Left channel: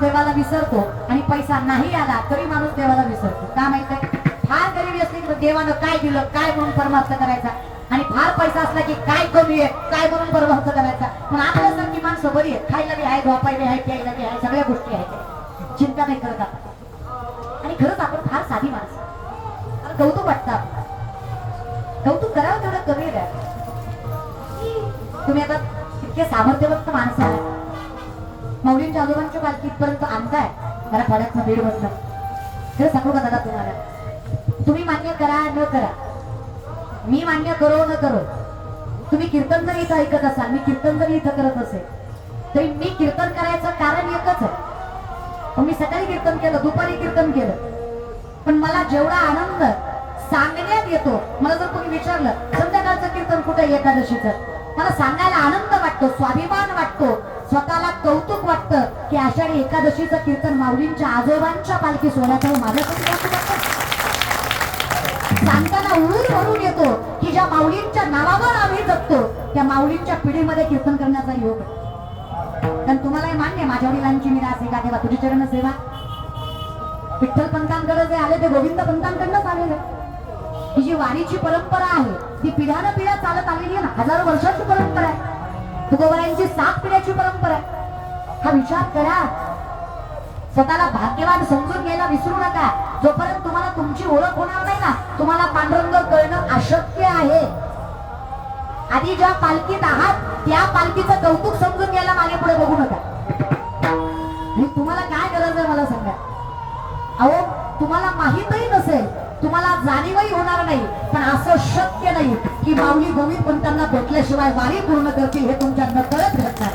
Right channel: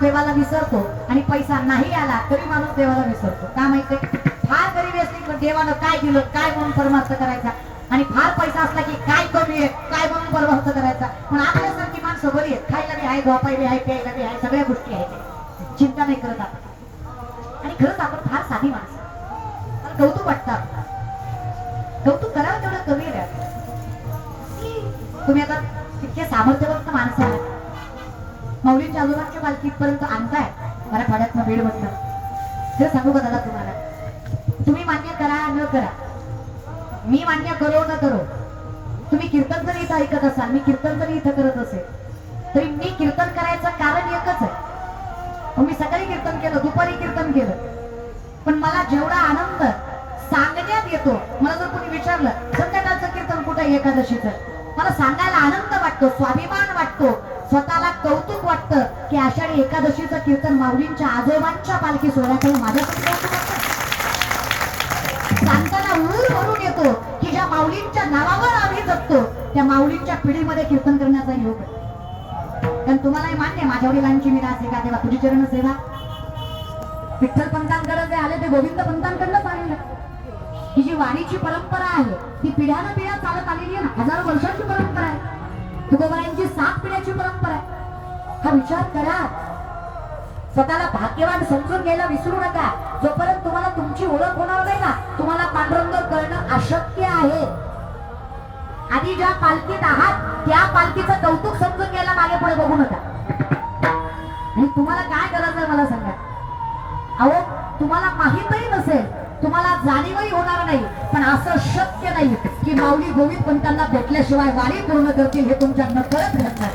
देवाला विसरतो आणि पैसा नाही आला तरी माणूस देवाला विसरतो. का माहितीये? फार गरिबी असली की देवानं काय दिलं काय म्हणून परमार्थ करायचा, आणि फार पैसा असला की काय कमी आहे काय म्हणून परमार्थ करायचा. पण आपल्यासारखी माणसं बरी आहे, खायला बी आहे, झोपायला आहे, प्यायला बी आहे, सगळ्या गोष्टी आहेत, चिंता नाही करत आपण. आणि खरंच आपण फार साधी माणसं. कौतुक वाटतं आपलं, कौतुक करावं तेवढं कमी आहे. तुम्ही आता इतके सामर्थ्यवंत माणसं आहात, माऊलींच्या आजोबांच्या पालखी इथपर्यंत आणताय मराठवाड्यातनं बीड मधनं. हे सांगू का दादा तुम्हाला, तुम्ही मान्य करा न करा, मी मान्य करो न करो, तुम्ही कीर्तन जरी इथं ऐकत असाल, मी कीर्तन जरी इथं करत असेल, तरी मी कीर्तन करायचं कारण एकच आहे. मी सकाळी कीर्तन केलं, दुपारी कीर्तन केलं, पण मला जेवढा आनंद सांगण्यात येतो, मला जर तुम्ही विचारलं संध्याकाळचं कीर्तन कुठे एकादशीचं, मला सांगायला आनंद वाटतो, स्वाभिमान वाटतो, स्वतःला कौतुक वाटतं की आषाढी एकादशीचं कीर्तन माऊलींच्या आजोबांच्या पालखी सोहळ्यात माझ्यासाठी सांगताना ऊर भरून येतो की ज्या माऊलींच्या नावावर आम्ही जगतो त्या माऊलींच्या पिढीमध्ये कीर्तन करण्याचा योग. पण तुम्हालाही मान्य, माझ्या वडिलांची मी रास एका तुझी चरण सेवा, विठ्ठल पंतांकडे जे आले ते गोविंद पंतांकडनंच आलेले. ही जी वाणीची परंपरा आहे ती पिढ्यानं पिढ्या चालत आलेली आहे ना, हजारो वर्षांची परंपरा आहे, तुकोबारायांची 7 पिढ्याची परंपरा आहे. हा विचार करा, स्वतःला भाग्यवान समजून घ्यायला विसरू नका. जोपर्यंत तुम्हाला तुमची ओळख होणार नाही ना, तुम्हाला पांडुरंग कळणं अशक्य आहे. आधी ज्या पालखीत आहात त्या पालखीचं कौतुक समजून घ्यायला मागे पुढे बघू नका. आणि तुम्हाला काय करायचं मला सांगा. अहो तुम्हाला माहीतही नसेल, तुम्हाला जाणीवही होणार नाही, पण असं शक्य नाही की माऊली गोविंद पंतांना भेटल्याशिवाय वारी पूर्ण करतील, हे तुमच्या नकळत घडणार.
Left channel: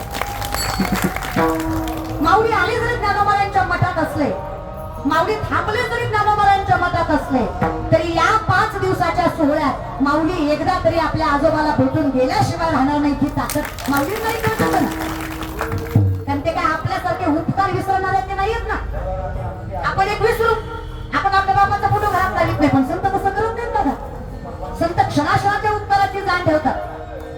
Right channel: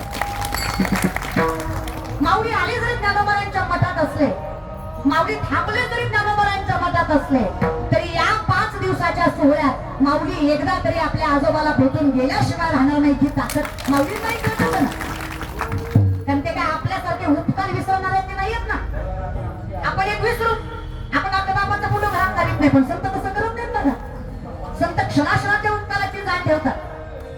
माऊली आले जरी ज्ञानोबारायांच्या मठात असले, माऊली थांबले जरी ज्ञानोबारायांच्या मठात असले, तरी या 5 दिवसाच्या सोहळ्यात माऊली एकदा तरी आपल्या आजोबाला भेटून गेल्याशिवाय राहणार नाही ही ताकद माऊली नाही करत ना. कारण ते काय आपल्यासारखे उत्तर विसरणारे ते नाहीत ना. आपण एक विसरू, आपण आपल्या बाबाचा फोटो घरात काढत नाही, पण संत तसं करत नाहीत बघा. संत क्षणाक्षणाच्या उत्तराची जाण ठेवतात.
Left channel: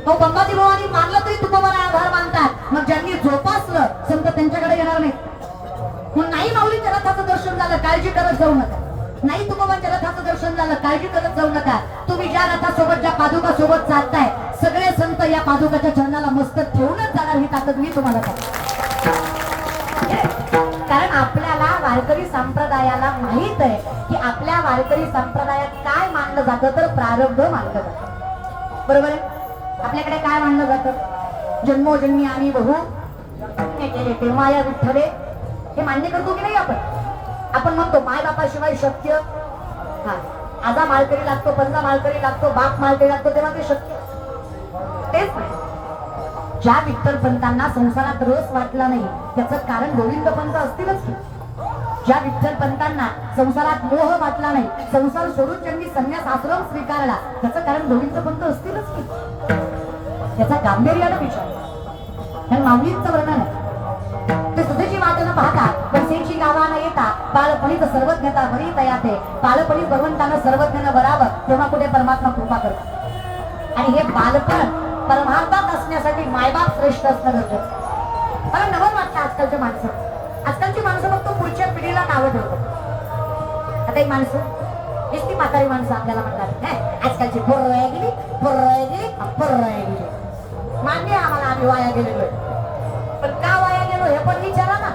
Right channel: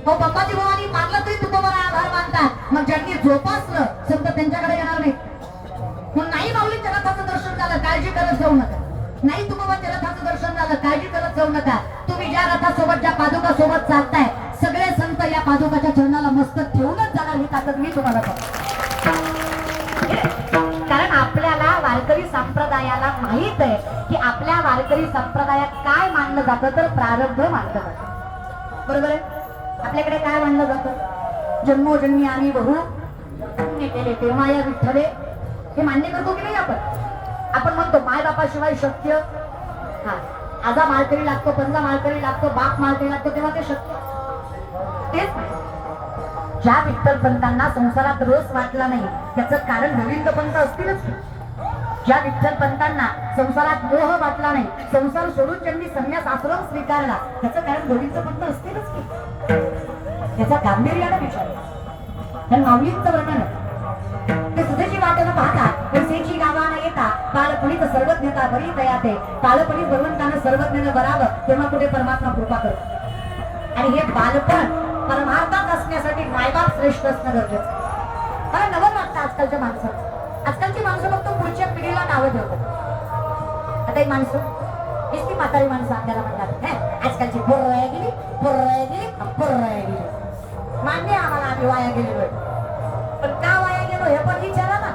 हो पंपाची भावानी मानलं तरी तुकोबारा आभार मानतात, मग ज्यांनी जोपासलं संत त्यांच्याकडे येणार नाहीत. मग नाही माऊलीच्या रथाचं दर्शन झालं काळजी करत जाऊ नका, नाही तुकोबाच्या रथाचं दर्शन झालं काळजी करत जाऊ नका. तुम्ही ज्या रथासोबत ज्या पादुका सोबत चालताय सगळे संत या पादुकाच्या चरणाला मस्तक ठेवूनच जाणार, ही ताकद मी तुम्हाला कारण आपल्याला वारकरी संप्रदायाला माहित आहे की आपल्या वारकरी संप्रदायात काय मानलं जातं, तर प्रारब्ध मानलं जातं. बरोबर आहे? आपल्याकडे काय मानलं जातं, जन्मोजन्मी आम्ही बहू केले ते माया विठ्ठले, हे मान्य करतो की नाही आपण? आपण म्हणतो माय बापाशिवाय शक्य, आजा मालकरी लागतो, पंजा मालकरी लागतो, बाप मालकरी लागतो, तेव्हा ते शक्य. तेच ज्या विठ्ठल पंतांना संसारात रस वाटला नाही त्याचं कारण गोविंद पंत असतीलच की. ज्या विठ्ठल पंतांना संसारात मोह वाटला नाही, संसार सोडून ज्यांनी संन्यास आश्रम स्वीकारला त्याचं कारण गोविंद पंत असतीलच की. त्याचा गांभीर्याला विचार पण माऊलींचं वर्णन आहे ते सुधेची वाटणं पाहता पैसेची गावानं येता बालपणीच सर्वज्ञता बरी तयाते, बालपणी भगवंतानं सर्वज्ञानं बरावं तेव्हा कुठे परमात्मा कृपा करतो. आणि हे बालपण परमार्थात असण्यासाठी मायबाप श्रेष्ठ असणं गरजेचं. मला नवं वाटतं आजकालच्या आजकालची माणसं फक्त पुढच्या पिढीला नावं ठेवतात. आता एक माणसं नुसती म्हातारी माणसं आपल्याला म्हणतात आजकालची पोरं वाया गेली, पोरं वाया गेली, पोरं वाया गेली. मान्य आम्हाला आम्ही वाया गेलेलो, पण का वाया गेलो हे पण विचारा ना.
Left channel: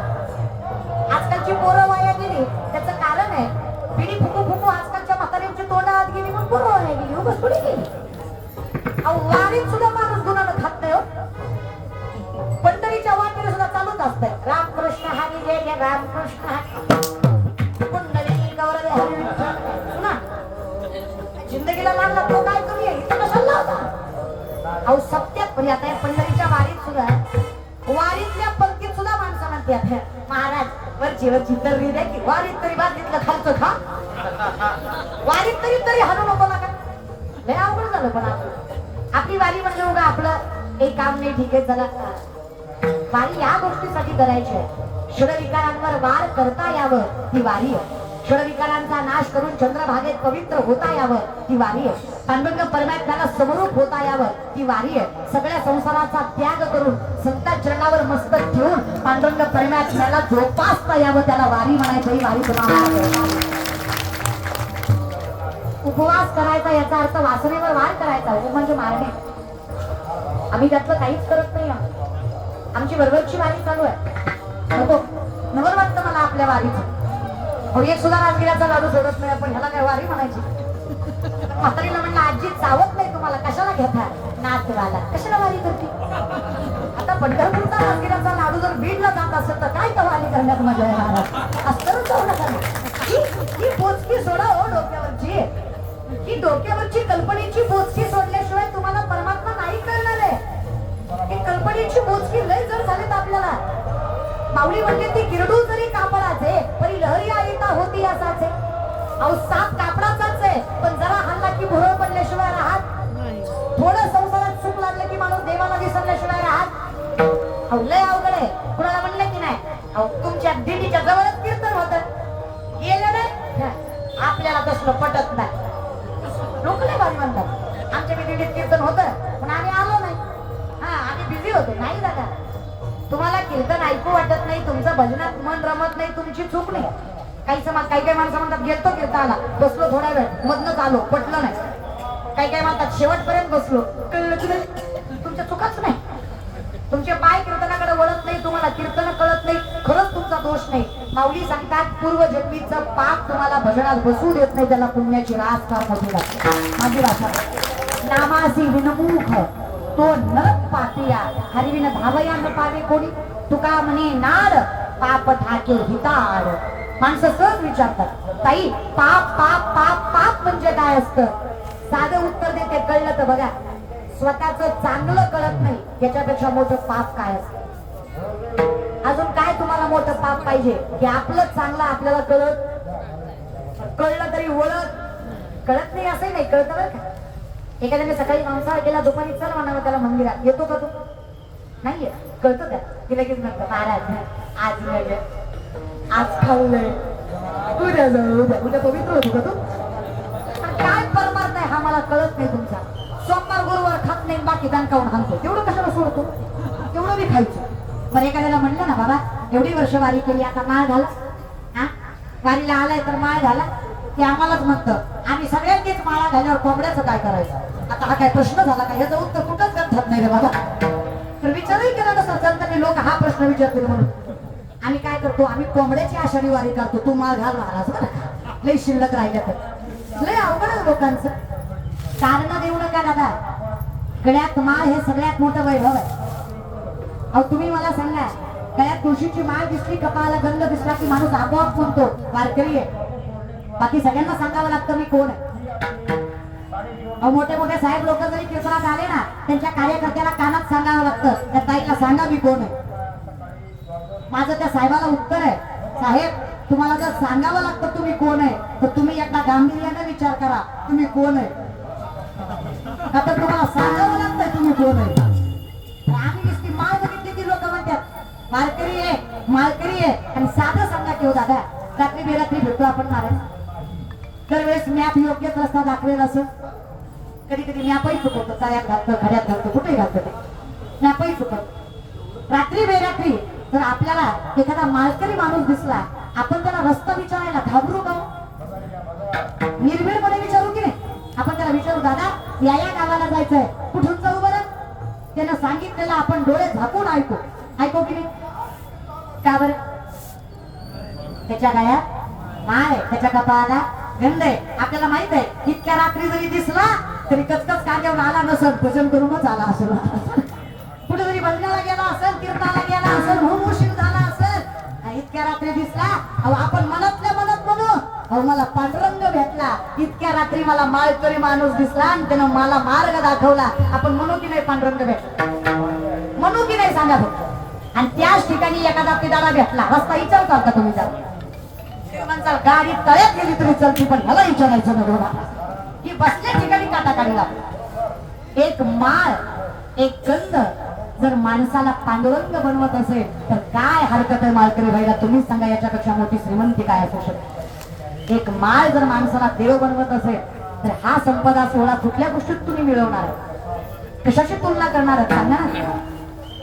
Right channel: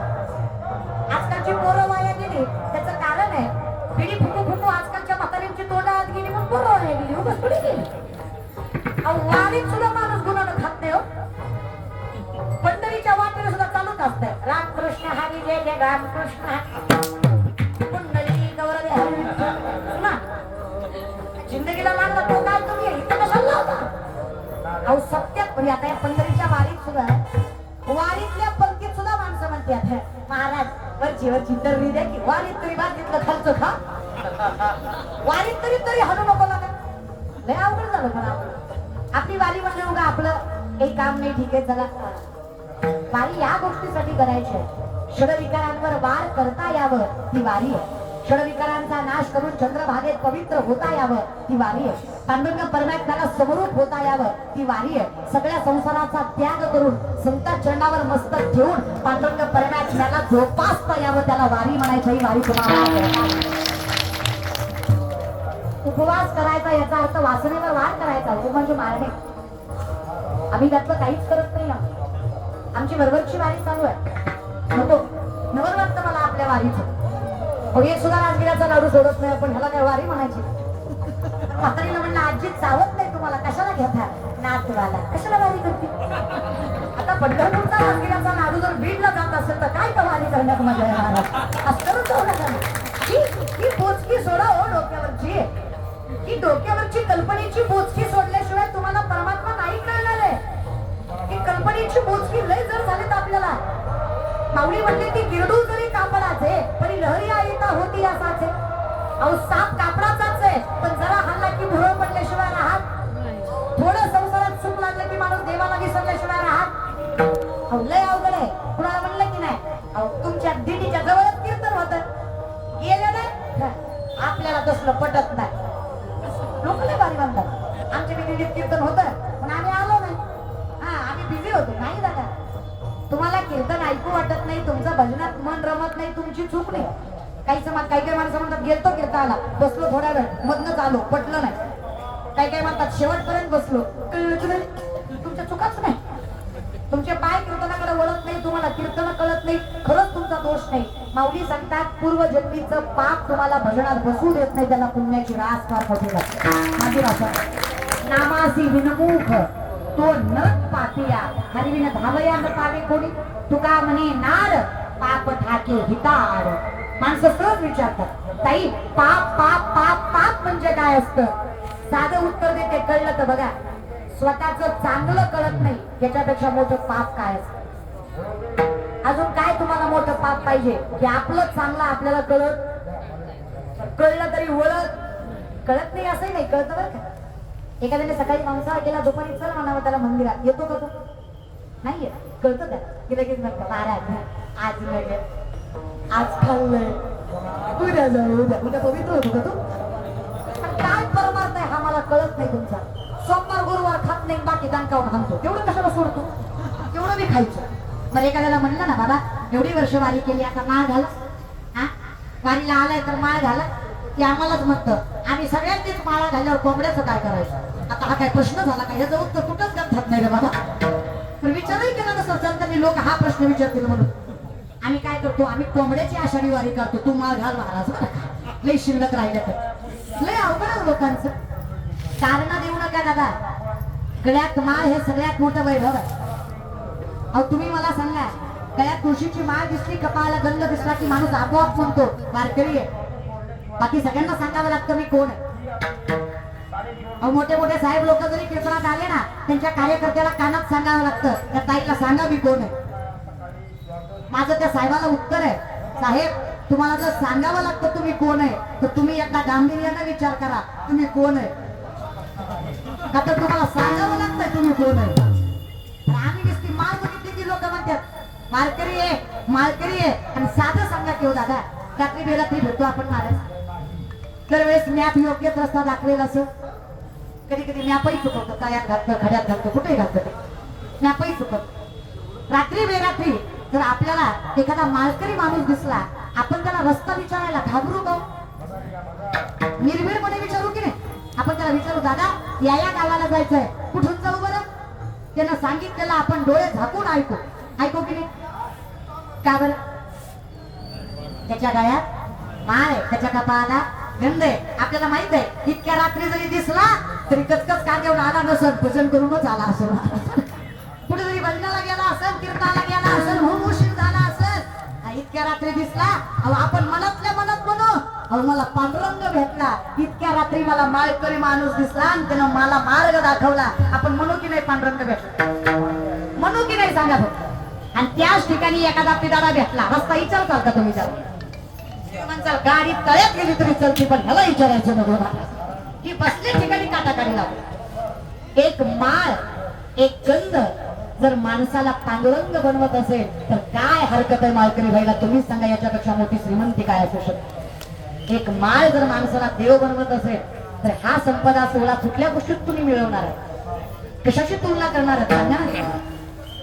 आजकालची पोरं वाया गेली त्याचं कारण आहे पिढी फुकू फुकू आजकालच्या म्हातारींची तोंड आत गेली म्हणून पोरं वाया गेली. उगाच थोडी गेली. वारीत सुद्धा माणूस गुणानं खात नाही हो. पंढरीच्या वाटेला सुद्धा चालूच असतंय रामकृष्ण हरी जय जय रामकृष्ण ना. जिंदगीला लागला तो काय कमी आहे इथं कशाला लावता. अहो सत्यात म्हणजे आता या पंढरीच्या वारीत सुद्धा वारीतल्या पंक्तीत सुद्धा माणसं म्हणतात महाराज वरची तर्री द्या की वारीत तरी बाकीतलं खालचं खा, वारीत तरी हलू नको लागा. लय अवघड झालं. पण आपली वारी म्हणजे उगा आपलं काही काम नाही ठीक आहे चला. वारी या गोष्टीसाठी करायची आहे, षड विकारांवर वार करता यावं ही वारी आहे. षडविकारांचा नाश करून चंद्रभागेत पवित्र होता यावं ती वारी आहे. पांडुरंग परमात्म्याला समरूप होता यावं ती वारी आहे. सगळ्या संसाराचा त्याग करून संत चरणावर मस्तक ठेवून पांडुरंग परमात्म्याला जोपासता यावं त्याला वारी म्हणायचं. ही वारी तुम्हाला उपवास करायचा याचा अर्थ वासनेवर वार करायचा. म्हणजे मारणे. आम्ही त्यातलं काहीच करत नाही. आमची बरोबरची वारी चालू आहे. नको नवर वाटतं मला आपल्या वारीचं. एक सुद्धा राजगिराचा लाडू सोडत नाही आपण. ह्याला काय वारी म्हणायची? म्हातारीला म्हणलं आजी चावत नाही तुम्हाला कशाला घेता नातवाला कशाला वारी करते. आता पंढरपूरचा राजगिराचा लाडू जर बीडला जात असेल तर काय का वारी करण्यात मजा येणार. असं जाऊ नका ना. ही पोचकी सोडा हो डोक्यावरची. ही डोक्यावरची कल्पनेची बोचकी सोडल्याशिवाय तुम्हाला परमात्मा नाही कळणार आहे. ही कल्पनेची बोचकी लय जर झाली तर आपल्याला माऊली म्हणते ती गिरडू जरी कापडाचे परी लहरी आईता होती असाचे. अहो साप कापडाचाच आहे पण जरा हल्ला की भुरळ पडल्याशिवाय राहत. थोडं संसारात सुख लागलं की माणूस देवाला विसरल्याशिवाय राहत. अहो लय अवघड आहे. कुणाला म्हणलं की नाही अहो तुमच्या दिंडीच्या जवळच कीर्तन होतं गेलं नाही. आपल्याला तसलं पटत नाही. लोक लय भारी म्हणतात आमच्या दिंडीत कीर्तन होतं पण आम्ही आलो नाही. आम्ही बिझी होतो. नाही दादा तुम्हाला कीर्तन ऐकू वाटत नाही. तुमचं भजनात मन रमत नाही. तुमची चूक नाही. काही माणसं म्हणतात गेलतो कीर्तनाला बसलो थोडा वेळ मधनच आलो पटलं नाही. काही म्हणतात शेवटपर्यंत बसलो कळलंच नाही. तुमच्या चुकाच नाही. तुमचे पाय कीर्तनाकडे वळत नाही. तुम्हाला कीर्तन कळत नाही. खरंच तुमचा दोष नाही. माऊली सांगतात पूर्व जन्मीचं पाप तुम्हाला भजनात बसू देत नाही. त्याला पुण्याची रास फार मोठी लागते. नामासी विनमुख तो नरक पापिया हरिविन धावया न पावे कोणी. तुका म्हणे नार पाप ठाके हिताड. माणसं सहज विचारतात ताई पाप पाप पाप पाप म्हणजे काय असतं. साधं उत्तर देते कळलं तर बघा. स्वतःच चांगलं कळत नाही याच्यापेक्षा मोठं पाप काय असतं. अजून काय तुम्हाला मोठं पाप पाहिजे की आपलं चांगलं आपल्याला कळलं तरी वळत कळत नाही असंही नाही. कळतं बरं का. एखाद्याने सकाळी मांसाहार केला दुपारी चल म्हणावं त्याला मंदिरात येतो का तू नाहीये. कळतं त्या की लगेच म्हणतं महाराज आज नाही आज खाल्लंय उद्या जाऊ उद्या पवित्र होतो का तू. पण काय परमार्थ आहे हा मला कळत नाही तुमचा. सोमवार गुरुवार खात नाही बाकी दणकावून हाणतो. तेवढं कशाला सोडतो. तेवढं बी खायचं. बरं एखाद्याला म्हणलं ना बाबा एवढी वर्ष वारी केली आता माळ घाला. वारीला आलाय तर माळ घाला. ते आम्हालाच म्हणतं आम्ही सगळ्यांनीच माळा घाल्यावर कोंबड्याचं काय करायचं. आता हा काय प्रश्न झाला का. ह्याचं उत्तर कुठंच गंधात नाही रे बाबा. पण विचारही केला नसतो संतांनी लोक हा प्रश्न विचारतील म्हणून. आम्ही काय करतो आम्ही कोंबड्याची आषाढी वारी करतो. तू माळ घाल महाराज लय शिल्लक राहिल्या तर. लय अवघड लोकांचं. कारण देऊ नका दादा. गळ्यात माळ हे सगळ्यात मोठं वैभव आहे. अहो तुम्ही मला सांगा गळ्यात तुळशीची माळ दिसली कपाळाला गंध दिसला की माणूस आपोआप म्हणतो वारकरी आहे. बाकी सगळ्यांना सांगावं लागतं मी कोण आहे. अहो मोठे मोठे साहेब लोक जरी कीर्तनात आले ना त्यांच्या कार्यकर्त्याला कानात सांगावं लागतं त्या ताईला सांगा मी कोण आहे. माझं त्या साहेबाला उत्तर आहे साहेब तुम्हाला जर सांगावं लागतं तुम्ही कोण आहे तर तुम्ही एकदा गांभीर्याने विचार करा तुम्ही कोण आहे. का तर तुम्हाला सांगावं लागतंय तुम्ही कोण आहे. आम्ही नुसती माळ बघितली की लोक म्हणतात वारकरी आहे माळकरी आहे. आणि साधं सांगा की हो दादा रात्री बेरात्री भेटतो आपण महाराज. दरवेळेस मॅप योग्यच रस्ता दाखवेल असं. कधी कधी मॅपही चुकवतो. कायात घालतो खड्यात घालतो कुठेही घालतो ते मॅपही चुकवतो. रात्री बेरात्री जर आपल्याला एखादा माळकरी माणूस दिसला आपण त्याला रस्ता विचारायला घाबरू का. निर्भीडपणे विचारू की नाही. आपण त्याला विचारू दादा या गावाला जायचंय कुठून जाऊ बरं. त्यानं सांगितलेलं आपण डोळे झाकून ऐकू की नाही. का बरं. त्याच्या गळ्यात माळ आहे त्याच्या कपाळाला गंध आहे. आपल्याला माहित आहे इतक्या रात्री जरी दिसला तरी कचकच कांद्यावर आला नसेल भजन करूनच आला असेल. कुठे जरी भजनाला गेला असेल कीर्तनाला गेला असेल म्हणून उशीर झाला असेल. इतक्या रात्री दिसला अहो आपण मनातल्या मनात म्हणू अहो मला पांडुरंग भेटला. इतक्या रात्री मला माळकरी माणूस दिसला आणि त्यानं मला मार्ग दाखवला. आपण म्हणू की नाही पांडुरंग भेटला म्हणू की नाही सांगा फक्त. आणि त्याच ठिकाणी एखादा पिदारा भेटला रस्ता विचारता का तुम्ही म्हणसाल गाडी तळ्यात गेली तरी चलती पण मला विचारायचं बरोबर की बसल्या ठिकाणी काटा काढला. एक माळ एक गंध जर माणसाला पांडुरंग बनवत असेल तर काय हरकत आहे माळकरी व्हायला. तुम्हीच सांगा याच्यापेक्षा मोठी श्रीमंती काय असू शकते. एक माळ जर माणसाला देव बनवत असेल तर हा संपदा सोहळा कुठल्या गोष्टीत तुम्ही मिळवणार आहे? कशाची तुलना करणार आहात ना?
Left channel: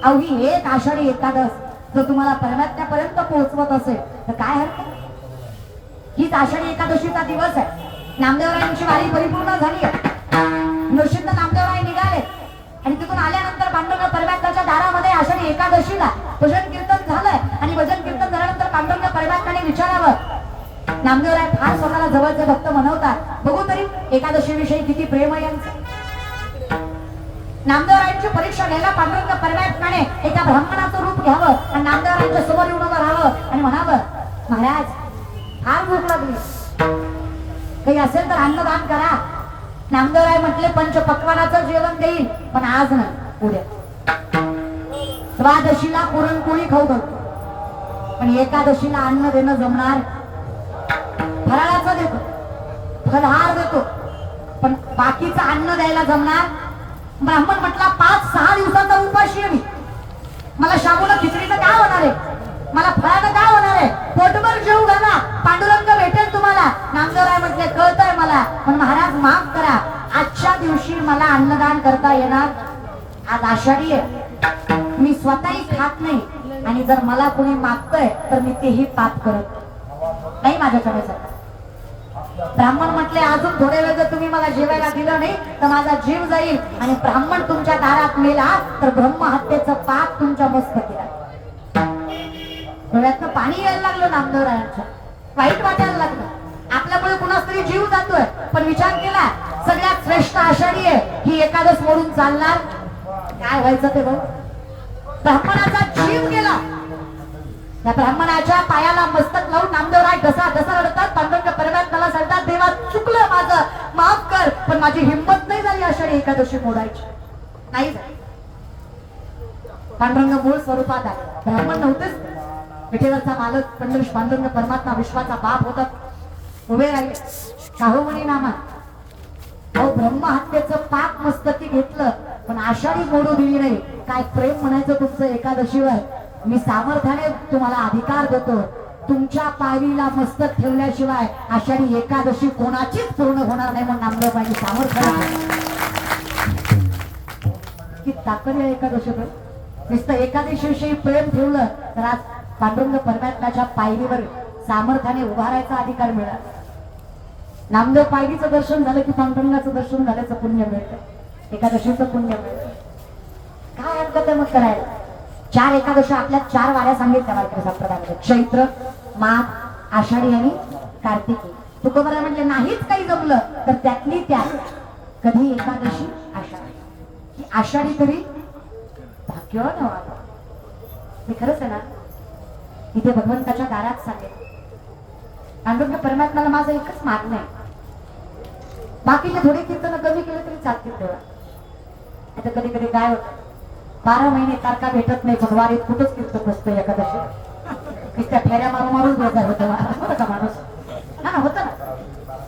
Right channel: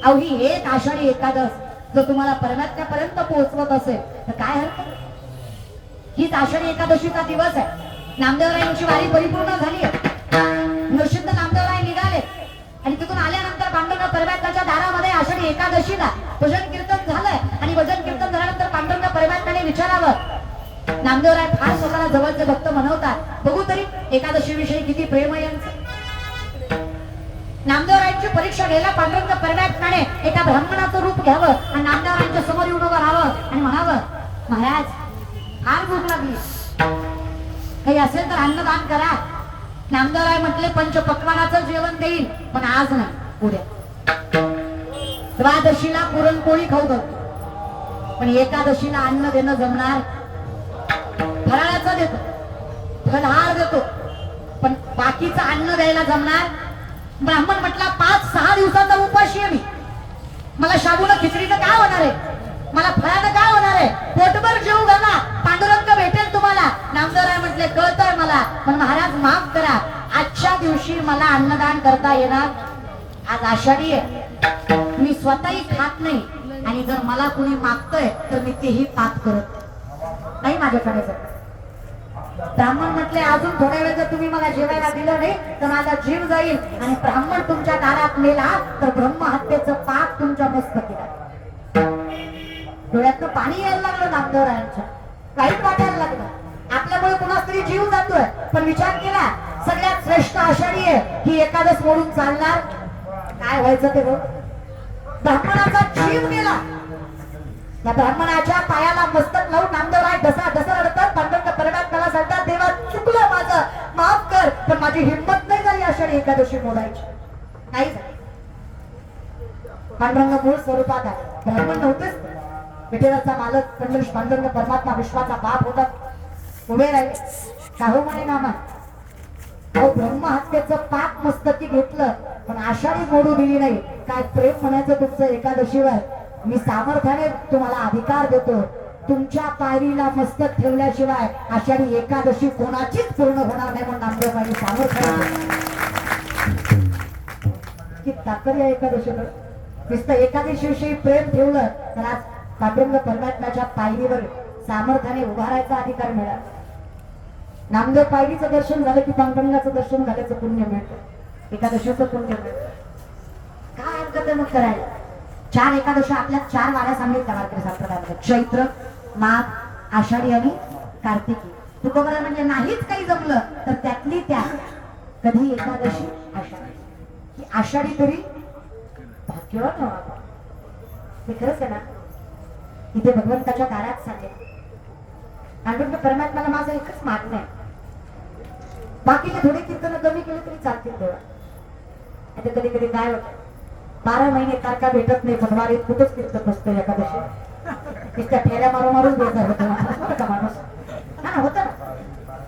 अहो ही एक आषाढी एकादश जर तुम्हाला परमात्म्यापर्यंत पोहोचवत असेल तर काय हरकत? हीच आषाढी एकादशीचा दिवस आहे. नामदेवरायांची वारी परिपूर्ण झाली आहे. नशिबनं नामदेवराय निघाले आणि तिथून आल्यानंतर पांडुरंग परमात्म्याच्या दारामध्ये आषाढी एकादशीला भजन कीर्तन झालंय आणि भजन कीर्तन झाल्यानंतर पांडुरंग परमात्म्याने विचारावं. नामदेवराय फार स्वतःला जवळचे भक्त म्हणवतात, बघू तरी एकादशी विषयी किती प्रेम आहे यांचं. नामदेवरायांची परीक्षा घ्यायला पांडुरंग परमात्म्याने एका ब्राह्मणाचं रूप घ्यावं आणि नामदेवरायांच्या समोर येऊन उभं राहावं आणि म्हणावं, महाराज फार भूक लागली, काही असेल तर अन्नदान करा. नामदेवराय म्हटले पंचपक्वानाचं जेवण देईल, पण आज ना उद्या. द्वादशीला पुरणपोळी खाऊ घालतो, पण एकादशीला अन्न देणं जमणार? फराळाचा देतो, फलहार देतो, पण बाकीचं अन्न द्यायला जमणार? ब्राह्मण म्हटला 5-6 दिवसाचा उपाशी आहे मी, मला शाबूला खिचडीचं काय होणार आहे, मला फळाचं काय होणार आहे, पोटभर जेवू घाला, पांडुरंग भेटेल तुम्हाला. नामदेवराय म्हटले कळतंय मला, पण महाराज माफ करा, आजच्या दिवशी मला अन्नदान करता येणार? आज आषाढी आहे, मी स्वतःही खात नाही आणि जर मला कुणी मागतंय तर मी तेही पाप करत नाही माझ्याकडे जात. ब्राह्मण म्हटले अजून थोड्या वेळ जर तुम्ही मला जेवायला दिलं नाही तर माझा जीव जाईल आणि ब्राह्मण तुमच्या दारात मेला तर ब्रह्महत्येचं पाप तुमच्या मस्तकी आहे. डोळ्यातनं पाणी यायला लागलं नामदेवरायांच्या, वाईट वाटायला लागलं. आपल्यामुळे कुणाच तरी जीव जातोय, पण विचार केला सगळ्यात श्रेष्ठ आषाढी आहे ही एकादश मोडून चालणार? काय व्हायचं ते बघ. ब्राह्मणाचा जीव गेला. त्या ब्राह्मणाच्या पायाला मस्तक लावून नामदेवराय ढसा रडतात. पांडुरंग परमात्म्याला सांगतात, देवा चुकलं माझं, माफ कर, पण माझी हिंमत नाही झाली आषाढी एकादशी मोडायची. नाही पांडुरंग मूळ स्वरूपात आहे, ब्राह्मण नव्हतेच. विठ्ठलाचा मालक पांडुरंग परमात्मा विश्वाचा बाप होता, उभे राहिले. शाहू म्हणे नामा अहो ब्रह्महत्येचं पाप मस्तकी घेतलं पण आषाढी मोडू दिली नाही. काय प्रेम म्हणायचं तुमचं एकादशीवर? मी सामर्थ्याने तुम्हाला अधिकार देतो, तुमच्या पायरीला मस्तक ठेवल्याशिवाय आषाढी एकादशी कोणाचीच पूर्ण होणार नाही. म्हणून नामदेवबाई सामर्थ्याने की ताकद या एकादशीवर नुसतं एकादशीविषयी प्रेम ठेवलं तर आज पांडुरंग परमात्म्याच्या पायरीवर सामर्थ्याने उभारायचा अधिकार मिळाला. नामदेव पायरीचं दर्शन झालं की पांडुरंगाचं दर्शन झाल्याचं पुण्य मिळतं, एकादशीचं पुण्य मिळतं. काय हरकत आहे मग करायला? 4 एकादशी आपल्या 4 वाऱ्या सांगितल्या वारकरी संप्रदायामध्ये, चैत्र, माघ, आषाढी आणि कार्तिकी. तुकोबरा म्हटले नाहीच काही जमलं तर त्यातली त्यात कधी एकादशी आषाढी, आषाढी तरी भाग्यवान व्हावा. हे खरंच आहे ना? इथे भगवंताच्या दारात सांगेल पांडुरंग परमात्म्याला माझं एकच मागणं आहे, बाकीचे थोडे कीर्तन कमी केले तरी चालतील तेव्हा. इथे कधी कधी काय होतं, 12 महिने कारका भेटत नाही, भगवारीत कुठंच कीर्तन नसतो एकादशी, त्या फेऱ्या मारून बेजार होता माणूस. हा ना, होतं ना.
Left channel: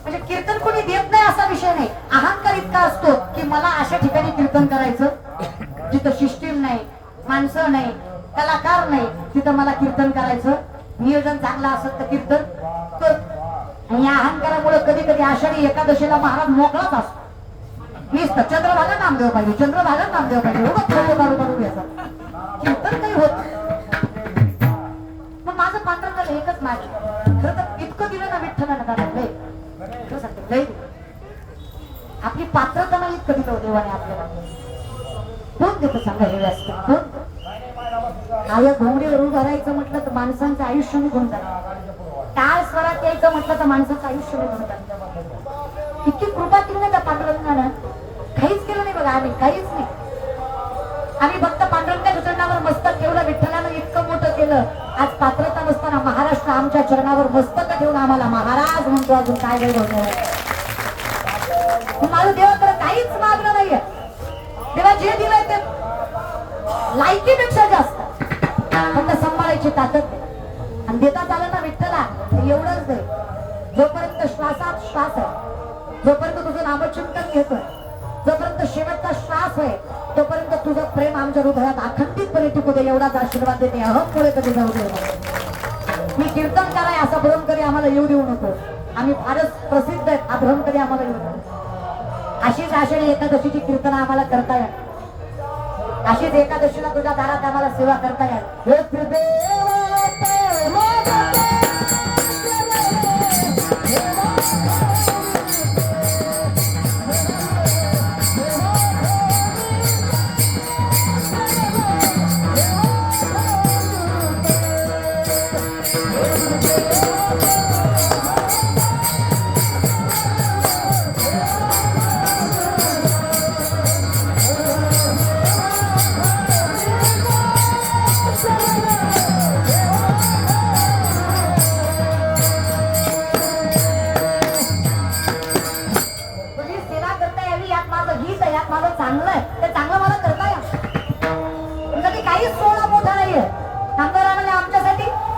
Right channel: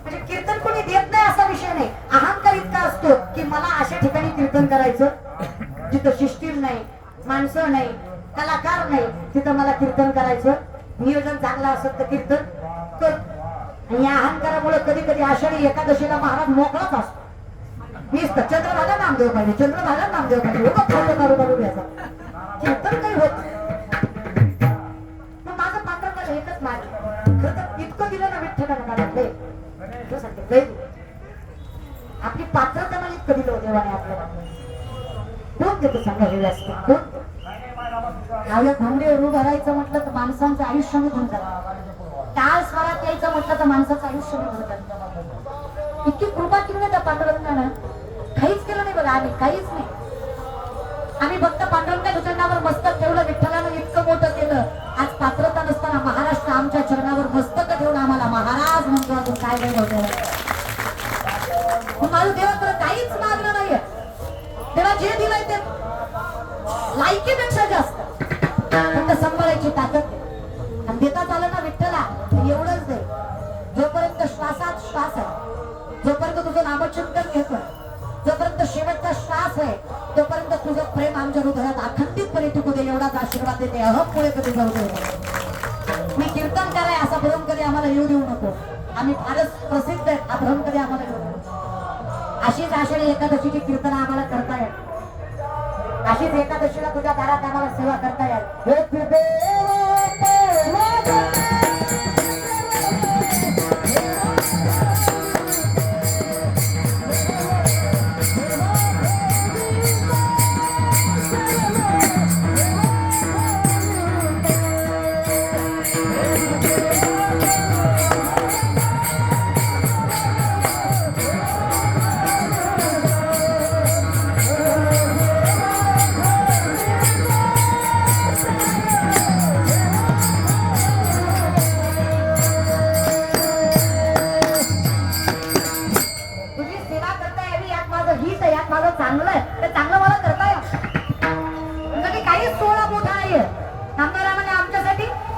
म्हणजे कीर्तन कोणी देत नाही असा विषय नाही, अहंकार इतका असतो की मला अशा ठिकाणी कीर्तन करायचं जिथं सिस्टीम नाही, माणसं नाही, कलाकार नाही, तिथं मला कीर्तन करायचं. नियोजन चांगलं असत तर कीर्तन कर. या अहंकारामुळे कधी कधी आषाढी एकादशीला महाराज मोकळाच असतो. नुसतं चंद्रभागा नामदेव पाहिजे, चंद्रभागा नामदेव पाहिजे, कीर्तन काही होत. पण माझं पांडुरंगाला एकच मागणं, खरं तर इतकं दिलं ना विठ्ठलाने, आपली पात्रता नाही इतकं दिलं देवाने आपल्याला. कोण देतो सांगा हे व्यासपीठ? माझ्या घोंगडीवर उभं राहायचं म्हटलं तर माणसांचं आयुष्य निघून जातं, टाळ स्वरात यायचं म्हटलं तर माणसाचं आयुष्य निघून जातं. इतकी कृपा केली ना त्या पांडुरंगानं, काहीच केलं नाही बघा, आम्ही काहीच नाही. आम्ही फक्त पांडुरंगाच्या चरणावर मस्तक ठेवलं, विठ्ठलानं इतकं मोठं केलं. आज पात्रता नसताना महाराष्ट्र आमच्या चरणावर मस्तक ठेवलं, आम्हाला महाराज म्हणतो. अजून काय वेळ माझं देवाकडे काहीच मागलं नाहीये. तेव्हा जे दिलंय ते लायकीपेक्षा जास्त फक्त सांभाळायची ताकद आणि देतात आलं ना विठ्ठला एवढंच नाही. जोपर्यंत श्वासात श्वास आहे, जोपर्यंत तुझं नामचिंतन घेतोय, जोपर्यंत शेवटचा श्वास आहे, तोपर्यंत तुझं प्रेम आमच्या हृदयात अखंडितपणे टिकू दे, एवढाच आशीर्वाद देते. अहम पुढे कधी जाऊ दे. मी कीर्तन कराय असा भ्रम कधी आम्हाला येऊ देऊ नको. आम्ही फारच प्रसिद्ध आहेत, हा भ्रम कधी आम्हाला नव्हता. अशीच आषाढी एकादशीची कीर्तन आम्हाला करता येईल, अशीच एकादशीला तुझ्या दारात आम्हाला सेवा करता येईल. हे फिरते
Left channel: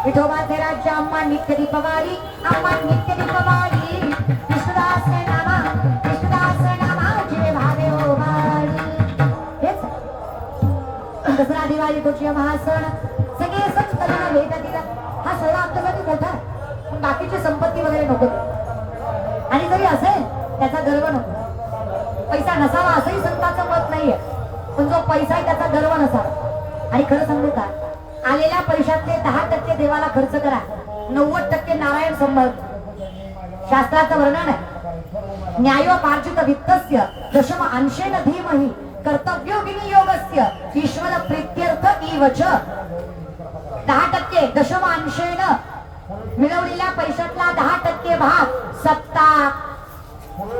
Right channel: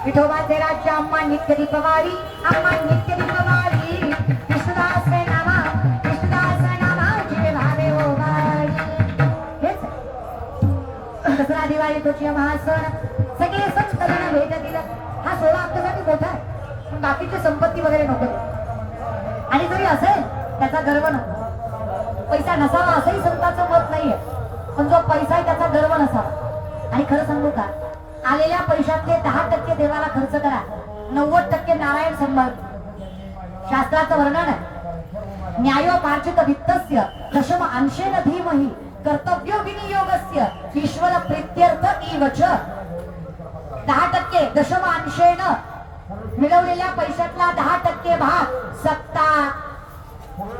विठोबाचे राज्य अम्मा नित्य दीपवारी, अम्मा नित्य दीपवारी. विष्णुदास नामा, विष्णुदास नामा जिवे भावे हो भाई. हेच दसरा दिवाळी तुझी महासण सगळे सण त्यांना भेट दिला. हा सोहळा आमच्यासाठी मोठा आहे, पण बाकीची संपत्ती वगैरे नको. आणि जरी असेल त्याचा गर्व नको. पैसा नसावा असंही संतांचं मत नाहीये, पण जो पैसा आहे त्याचा गर्व नसावा. आणि खरं सांगू का, आलेल्या पैशातले 10% देवाला खर्च करा, 90% नारायण संबंध. शास्त्राचं वर्णन आहे, न्यायोपार्जित वित्तस्य दशम अंशेन धीमहि कर्तव्य विनियोगस्य ईश्वर प्रीत्यर्थ इवच. 10% दशम अंशेन मिळवलेल्या पैशातला 10% भाग सत्ता,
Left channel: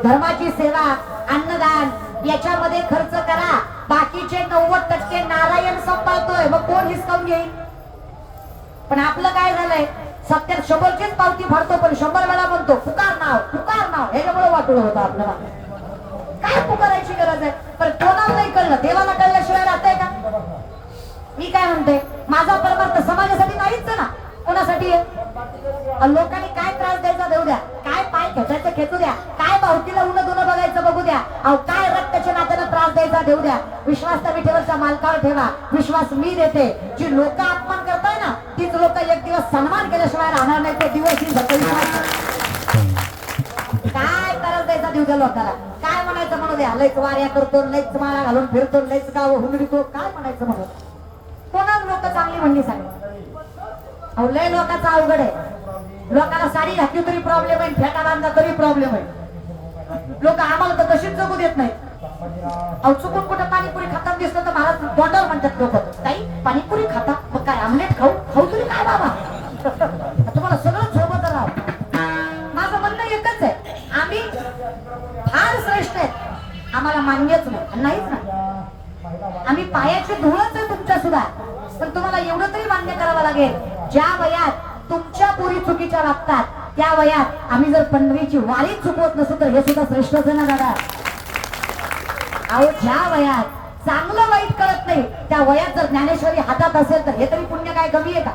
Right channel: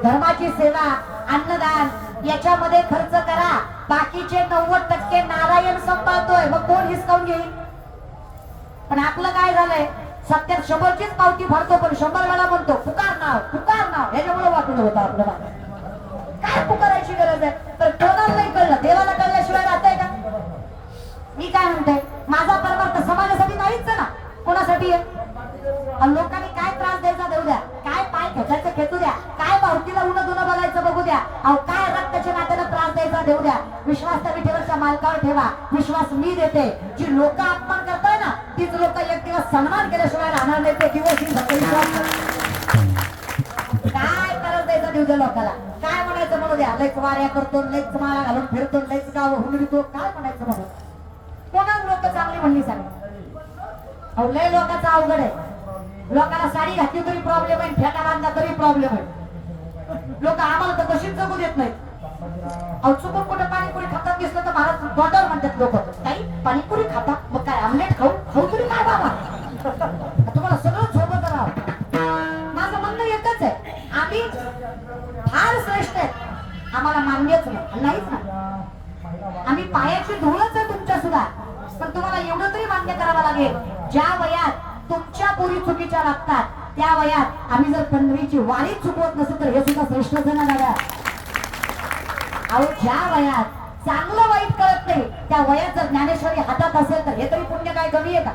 धर्माची सेवा, अन्नदान याच्यामध्ये खर्च करा. बाकीचे 90% नारायण सांभाळतोय, मग कोण हिसकावून घेईल? पण आपलं काय झालंय, सत्यात 100चीच पावती फाडतो, पण 100 वेळा म्हणतो पुकार नाव. याच्यामुळे वाटलं होतं आपल्याला. काय पुकारायची गरज आहे? पण कोणाला नाही कळलं, देवाला कळल्याशिवाय राहतंय का? मी काय म्हणते, माझा परमार्थ समाजासाठी नाहीच ना, कोणासाठी आहे? लोकांनी काय त्रास द्यायचा देऊ द्या, काय पाय खेचायचं खेचू द्या, काय भावकीला उन्हा दुनं बघायचं बघू द्या, अहो काय रक्ताच्या नात्याला त्रास द्यायचा देऊ द्या. विश्वास त्या विठेवरच्या मालकावर ठेवा, विश्वास मी देते. जी लोक अपमान करताय ना, तीच लोक एक दिवस सन्मान केल्याशिवाय राहणार नाही. ते दिवस काय त्रास द्यायचा देऊ द्या लोकांना, काय म्हणायचं म्हणू द्या. लयच वाऱ्या करतो, लयच माळा घालून फिरतो, लयच गाव हुंडतो, काय म्हणायचं म्हणू. कोणाच लोक चांगली म्हणली सांग. अहो लय लोकांचा अवघड आहे. लोकांना साडी घातली तरी प्रॉब्लेम आहे, फेटा बांधला तरी प्रॉब्लेम आहे. लोक आम्हाला तर तशीच जगू देत नाहीत. अहो चुकून कुठं पाणीपुरी खातात दिसलं तर मला तोंडावर म्हणतात लोक, ताई पाणीपुरी खातात, मग काय आमलेट खाऊ तरी काय बाबा, तुम्हाला सगळं सोबत राहा. माझं म्हणणं एकच आहे, आम्ही फार श्रेष्ठ आहेत, आम्हाला मान्यच नाहीच ना. आम्ही पायाची धुळच आहे तुमच्या सुद्धा, पण तुम्हाला एवढं तरी मान्य करावं लागेल, ज्या वयात तुमच्या पोरी चुकीच्या वागतात त्या वयात आम्ही जर पंढरीची वारी चुकवत नसू तर हे सुद्धा श्रेष्ठच आहे ना दादा. अहो ज्या वयात चांगलं वाईट कळत नाही त्या वयात जर ज्ञानेश्वरी हातात असेल तर हे तरी पुण्य काय कमी आहे का?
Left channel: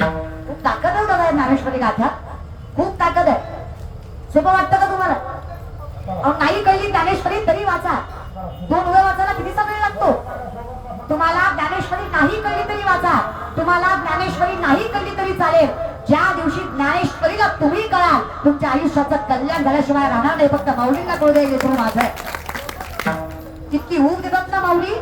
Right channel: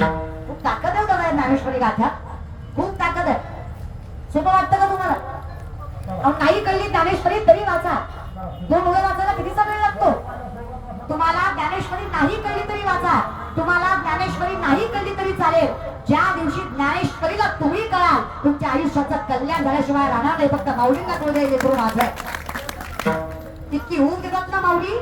खूप ताकद आहे बघा ज्ञानेश्वरी गाथ्यात, खूप ताकद आहे. सोपं वाटतं का तुम्हाला? अहो नाही कळली ज्ञानेश्वरी तरी वाचा, 2 मुलं वाचायला कितीचा वेळ लागतो? तुम्हाला ज्ञानेश्वरी नाही कळली तरी वाचा, तुम्हाला ज्ञानेश्वरी नाही कळली तरी चालेल. ज्या दिवशी ज्ञानेश्वरीला तुम्ही कळाल तुमच्या आयुष्याचं कल्याण झाल्याशिवाय राहणार नाही. फक्त माऊलींना कळू द्यायचे सुरू माझं. किती ऊब देतात ना माऊली.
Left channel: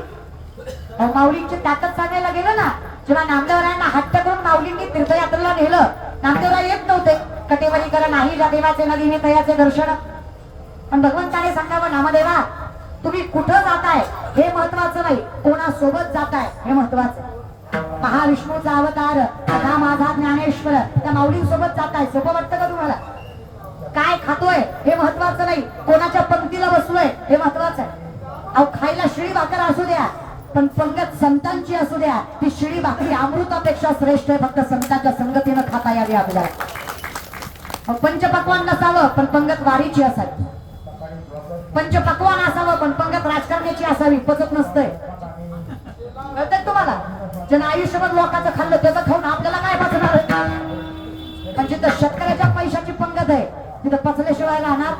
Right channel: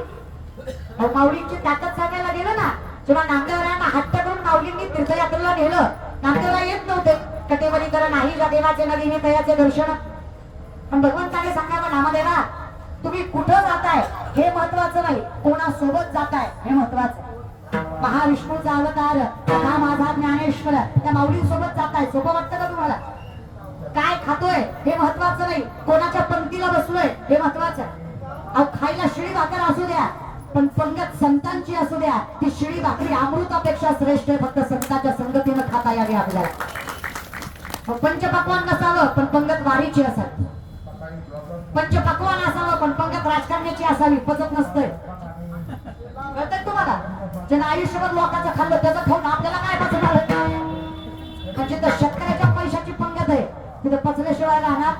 माऊलींची ताकद सांगायला गेलं ना, जेव्हा नामदेवरायांना हट्ट करून माऊलींनी तीर्थयात्रेला नेलं, नामदेवराय येत नव्हते. कटेवारी करा नाही देवाचे नदीने तयाचे दर्शन. पण भगवंताने सांगावं नामदेवा तुम्ही कुठं जाताय हे महत्वाचं नाही, कोणासोबत जाताय हे महत्वाचं. महाविष्णूचा अवतार हा माझा ज्ञानेश्वर त्या माऊलींसोबत जाताय, सोबत वाटतं का तुम्हाला? काय खातोय हे महत्वाचं नाही, कोणाच्या पंक्तीला बसलोय हे महत्वाचं आहे. अहो खायला शिळी भाकर असू द्या, पण पंगत संतांची असू द्या, ती शिळी भाकरी अमृतापेक्षा श्रेष्ठ आहे. फक्त संतांच्या संगतीनं खाता यावी आपल्याला. पंचपक्वान नसावं पण पंगत वारीची असावी, पंचपक्वान असावं पण पंगत राजकारण्याची असावी. पचत नसतंय तुम्हाला. ज्यानं आयुष्यभर लोकांचं खाल्लं त्याचं खाऊन आपल्याला काय पचणार? पण जिथं शेतकऱ्याच्या पैशाची पंगत आहे तिथं पचल्याशिवाय राहणार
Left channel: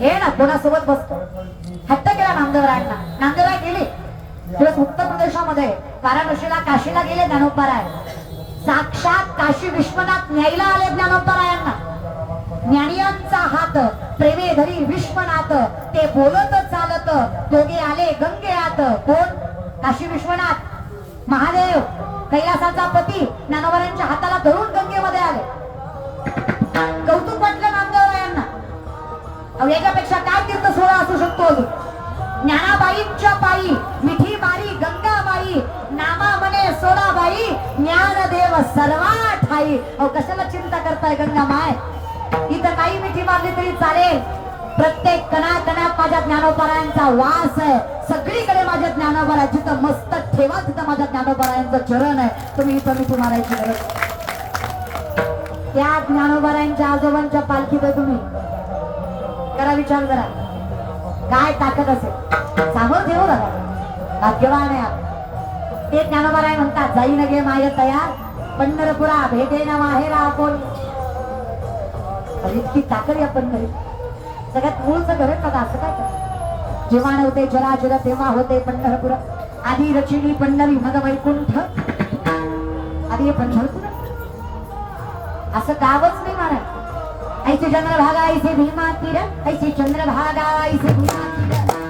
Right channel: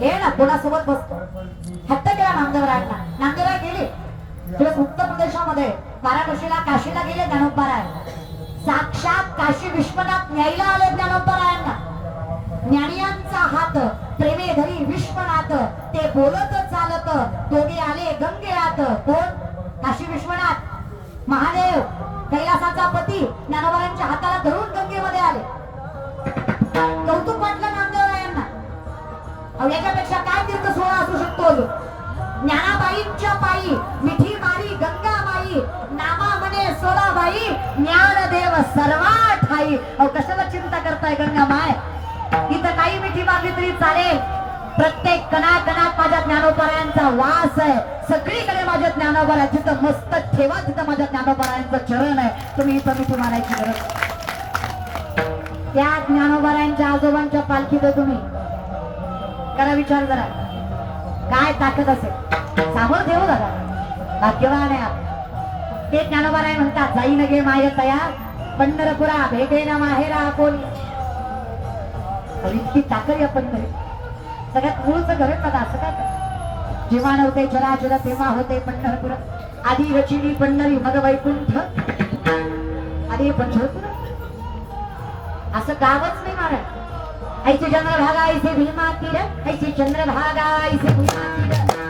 हे ना. कोणासोबत बसतो हट्ट केला नामदेवरायांना. नामदेवराय गेले दिवस उत्तर प्रदेशामध्ये वाराणसीला, काशीला गेले ज्ञानोबराय. साक्षात काशी विश्वनाथ न्यायला आले ज्ञानोबरायांना. ज्ञानियांचा हात प्रेमे धरी विश्वनाथ ते बोलत चालत दोघे आले गंगेयात कोण काशी विश्वनाथ महादेव कैलासाचा पती ज्ञानोबरांच्या हाताला धरून गंगेमध्ये आले कौतुक वाटलं नामदेवरायांना याच्यापेक्षा काय तीर्थ सोहळा असू शकतो ज्ञानाबाईंच्या पायी मिठी मारी गंगाबाई नामा म्हणे सोळाबाई ज्ञानदेव सर्वा ठाई कशाला चिंता करताय गंगा माय इथं काही मिठी मारली तरी चालेल प्रत्येक कणाकणात माझ्या ज्ञानोबरायांचा वास आहे सगळीकडे माझे ज्ञानोबरा जिथं मस्तक ठेवा तिथं माझ्या ज्ञानोबरायांचं चरण आहे तुम्ही इथं मिठी मारायची गरज त्या ज्ञानोबरायांच्या आजोबांच्या पालखीत तुम्ही करा विचार करा काय ताकद असेल सामर्थ्य हो बघा भाग्यवान आहे ते ज्ञानोबराय म्हणतात जाई न गे माय तयार पंढरपुरा भेटे ना माहेरा आपण इतकी ताकद या पंढरीत सगळ्यात मूळचं घर का असं काय जेव्हा नव्हते जरा तेव्हा होते पंढरपुरा आधी रचिनी पंढरी मद वैकुंठ आधी पंढरपूर असं गावच नाही महाराज ऐसे चंद्रभागा ऐसे भीमा तीर ऐसे चंद्रभागा ऐसे भीमा तीर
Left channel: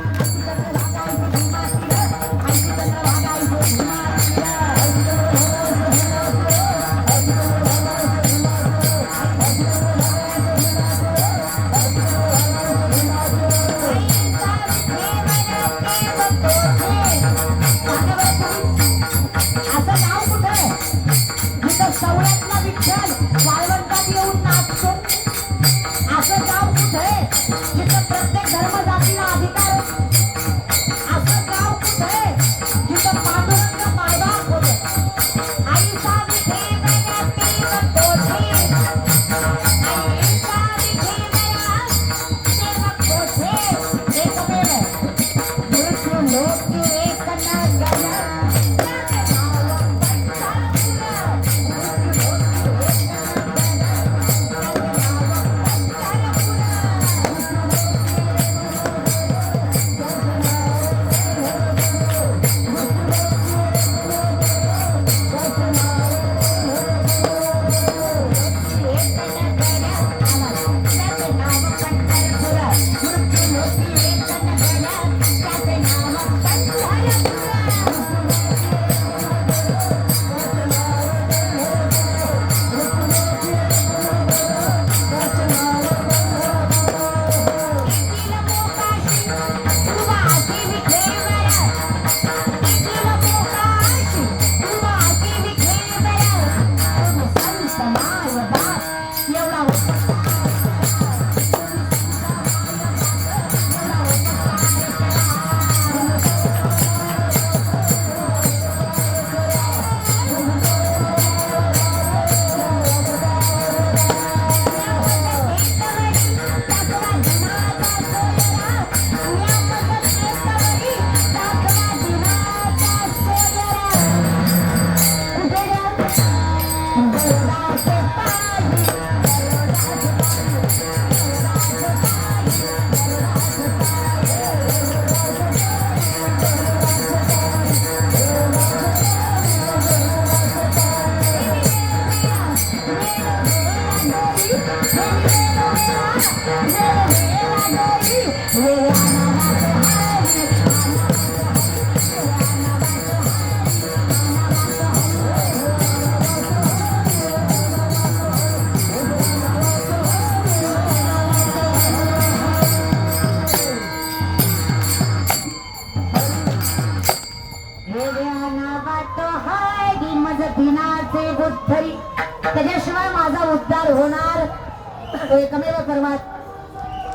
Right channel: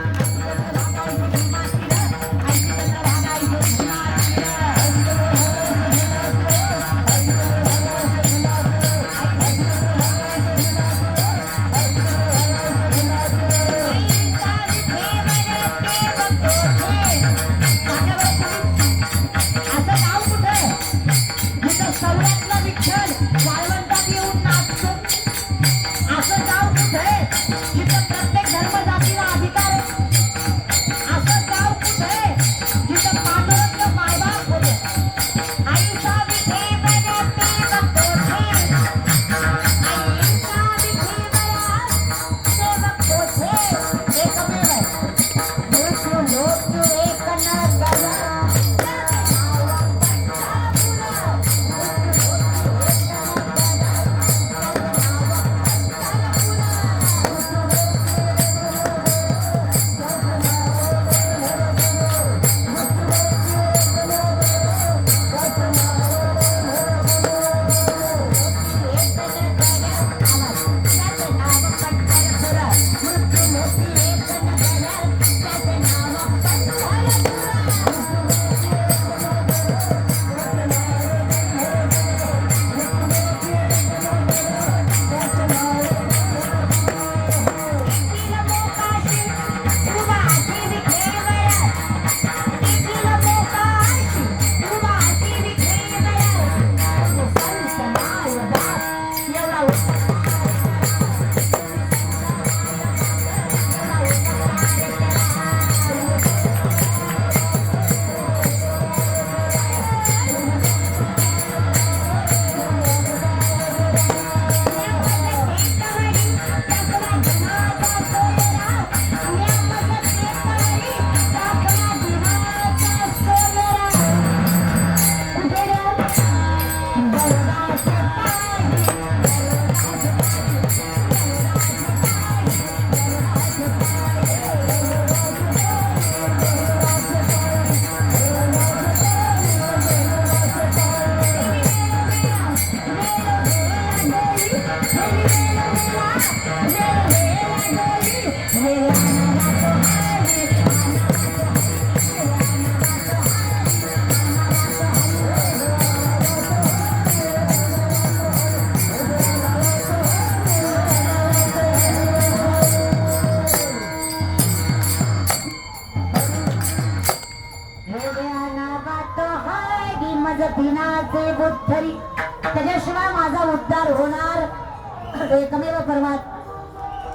त्याच्याशिवाय माझा उद्धार होणार एकमेव परमात्मा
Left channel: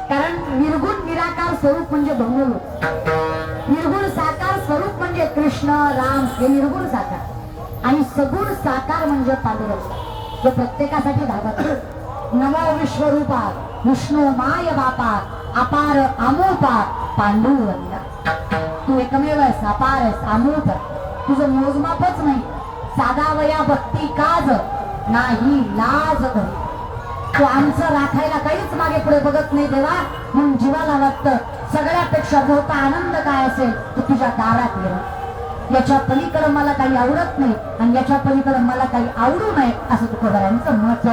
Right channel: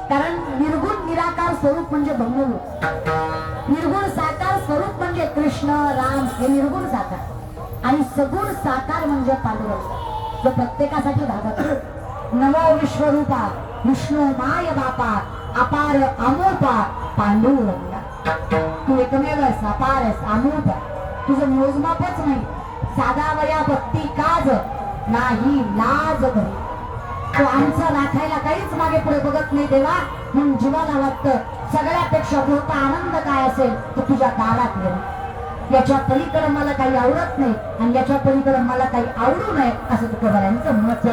कारण निर्गुण निराकार स्वरूप म्हणजे ब्रह्मरूप निर्गुण साकार स्वरूप म्हणजे कृष्ण राम हे निर्गुण साकार आणि सगुण साकार म्हणजे पांडुरंग जो प्रत्येकासाठी धावत नमो विश्वरूपा विष्णू माय बापा अपार अमोपा पांडुरंगा तू एकमेव आहेस अपार आहेस अमोप तुझं मोजमापच नाही साधावया भक्ती काज नाही लाज भरी तो आमचं राखायला काहीच मागे पुढे बघत नाही देवा म्हणून जीवाला वाटतं सगळ्यापेक्षा मोठा आनंद काय असेल तो तुझ्या दारात येईल याच्या पलीकडे मला काही आवडत नाही आणि याच्या पलीकडे मला काही आवडू नये असं तुझ्या मत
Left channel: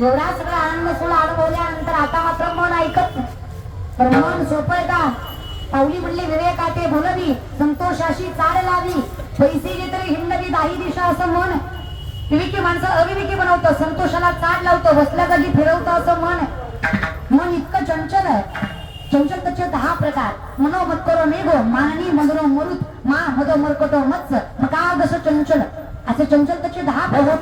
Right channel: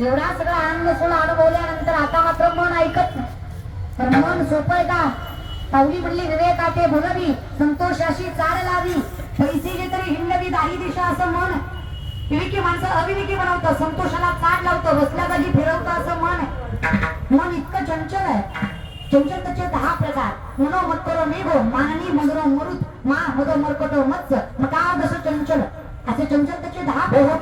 एवढा सगळा आनंद सोहळा अनुभवल्यानंतर आता मात्र मन ऐकत नाही. पण मन सोपळता पावली म्हणली विवेकाते भुलवी संतोषाशी चाल लावी पैसे तरी हिंडवी दाही दिशा असं मन. विवेकी माणसं अविवेकी बनवतं, संतोषाला चाल लावतं, बसल्या जागी फिरवतं असं मन. मन इतकं चंचल आहे. चंचलतेचे 10 प्रकार. मनोमत्तर मेघो माननी मधुरो मरुत मा मद मरकटो मत्स्य मकादश चंचल असे चंचलतेचे 10 प्रकार.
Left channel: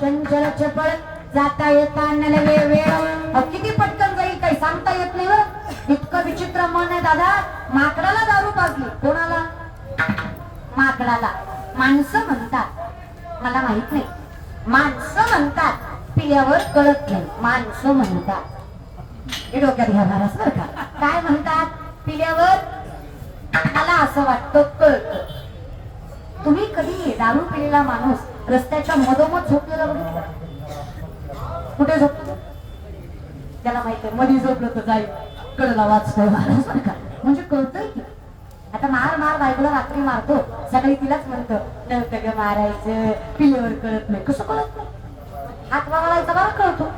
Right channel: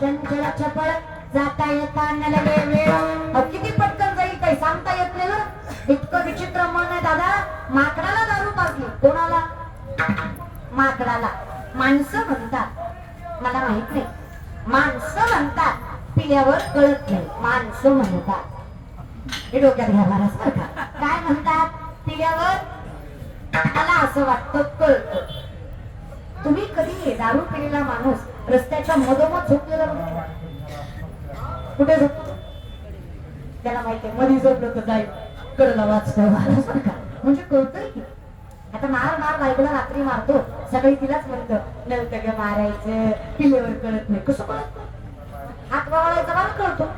चंचल चपळ जाता येता नवे वेळ किती पटकन जाईल काही सांगता येत नाही बरं. इतकं विचित्र मन आहे दादा. माकडाला दारू पाजली. कोणाला? माकडाला. माणसं म्हणतात मला माहित नाही. माणसं म्हणतात पिल्यावर कळत नाही. माणसं म्हणतात हे डोक्यात घ्या महाराज बरं का. काय म्हणतात? पिल्यावर मला असं वाटतं कळत. तुम्ही कधी दारू पिलेला माणूस रस्त्याच्या मधोमध झोपलेला कुठे झोपतो? त्याला माहिती मधी झोपलं तर जाईल कळला वाचतोय म्हणजे कळतंय की. आता मार बायकोला रात्री मारतो, सगळी तिलाच म्हणतो नव्हतं मारायचं, पिल्यावर कळत नाही. कसं कळत नाही? हात मारायचा बरं कळतो.